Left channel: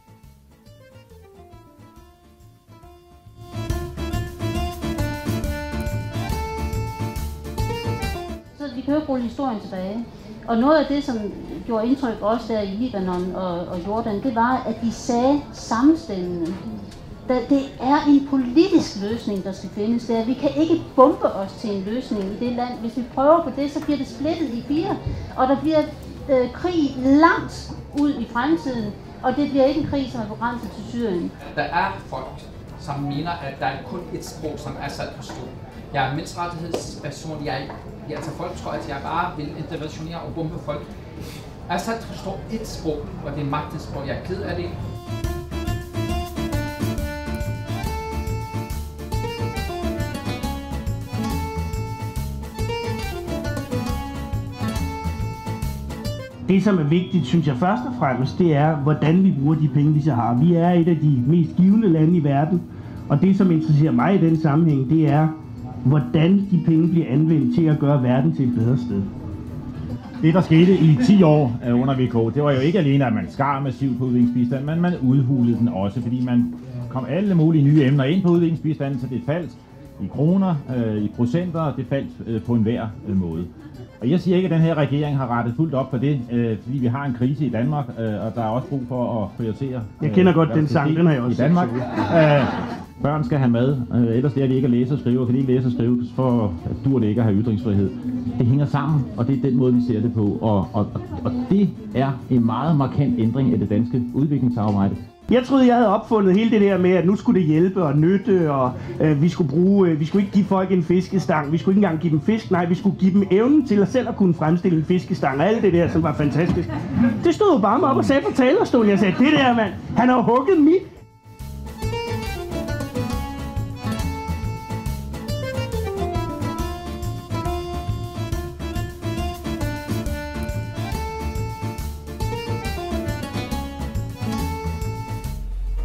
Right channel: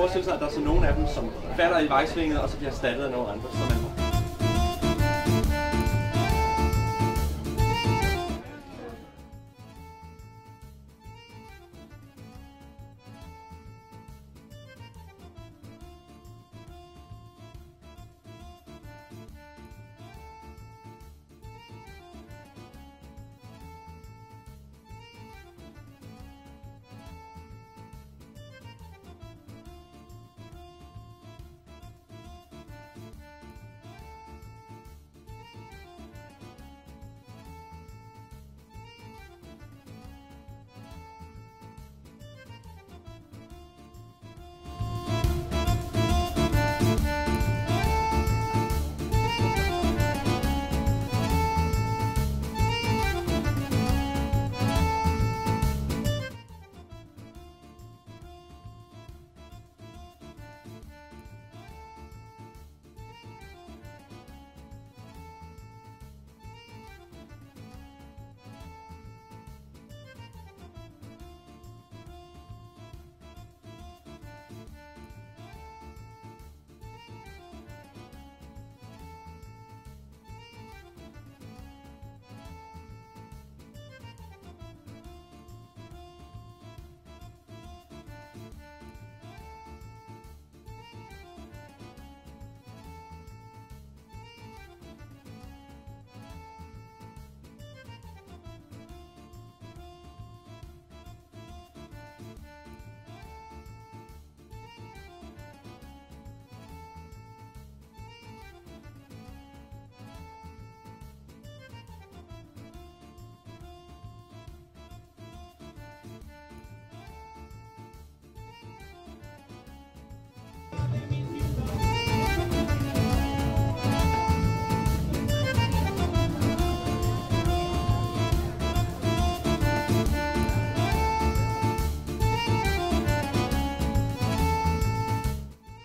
forestille sig, at der er så nogle af dem, som falder i vejsvinget, og så bliver erstattet af nogle andre. Så vi kan jo rulle historien tilbage. Og noget af det, som gjorde indtryk også der i Libanon og Jordan, det var, at de sagde sammenstemmende, det er en politisk løsning, der skal findes der. Vi kan ikke bombe os til en løsning i det land. Hvis vi prøver på det, så bliver det splittet i fire, og der bliver krig langt ud i fremtiden, og det bliver ikke en krig, som er begrænset til Syrien. Der er folk, som mener, at der er kun et sprog, som Assad forstår. Jeg er menneskerettighedsperson. Altså folk tror, at jeg bare vil interventionere og bombe folk. Assad forstår et sprog, og det er magtens sprog. Jeg er ked af det. Det, som er vigtigt, synes jeg først og fremmest, det er, hvordan vi bruger de penge, vi så har. Vi er et af de mest givende lande i verden, og det, som interesserer mig i den sammenhæng, det er, hvordan de penge bliver anvendt til at gøre verden til et bedre sted. Det, der skete i 10 år under VK, det var jo ikke alene, at man skar massivt på udviklingsbistand, men man udhulede den også, fordi man kom alle mulige nye emner ind på udviklingsbistanden, så det faldt i kroner, i procenter, det faldt på enhver måde. Og jeg siger ikke, at den her regering har rettet fuldt op på det, fordi vi har en krise i Danmark, og der er også brug for at prioritere. Jeg kender godt den sang, den har jeg også i Danmark. Børn skal have mad, ellers lærer de ikke at læse og skrive, og kan de ikke læse og skrive, for dur det ikke at have ytringsfrihed. Det hænger sammen, og det er den måde, vi ser det på, og det er en meget markant ændring af det danske udviklingssamarbejde. Jeg troede, jeg havde opfundet hele det der med, at nu skulle det hjælpe og nytte, og vi skulle ikke give folk en fiskestang. Vi skulle ikke engang give dem fisk, nej, vi skulle give dem evnen til at selv at kunne fremstille en fiskestang, og alt det der, som var fantastisk. Det stod Obama op og sagde på talerstolen. Jeg sagde, det der mand, han har hugget mit.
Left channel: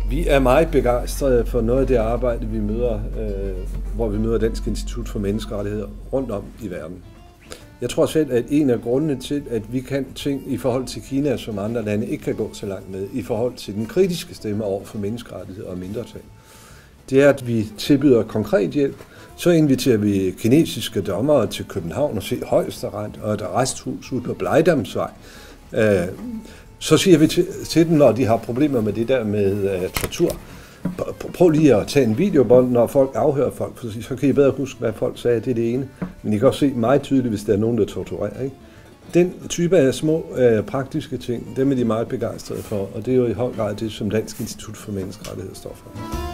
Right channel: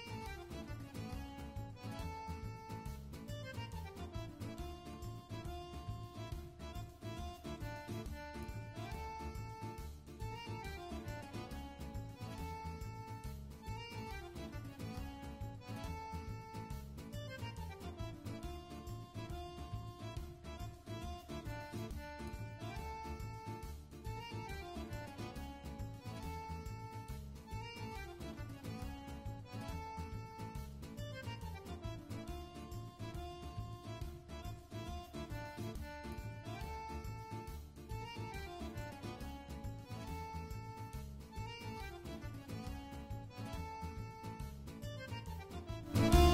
Vi er meget begejstrede for noget af det arbejde, vi møder, hvor vi møder Dansk Institut for Menneskerettigheder rundt om i verden. Jeg tror selv, at en af grundene til, at vi kan ting i forhold til Kina, som andre lande ikke kan gå så langt med, i forhold til den kritiske stemme over for menneskerettigheder og mindretal, det er, at vi tilbyder konkret hjælp. Så inviterer vi kinesiske dommere til København og se Højesteret og et arresthus ude på Blejdamsvej. Så siger vi til dem, når de har problemer med det der med tortur, prøv lige at tage en videobånd, når folk afhører folk, for så kan I bedre huske, hvad folk sagde, det er det ene. Men I kan også se meget tydeligt, hvis der er nogen, der torturerer. Ikke? Den type af små praktiske ting, dem er de meget begejstrede for, og det er jo i høj grad det, som Dansk Institut for Menneskerettigheder står for.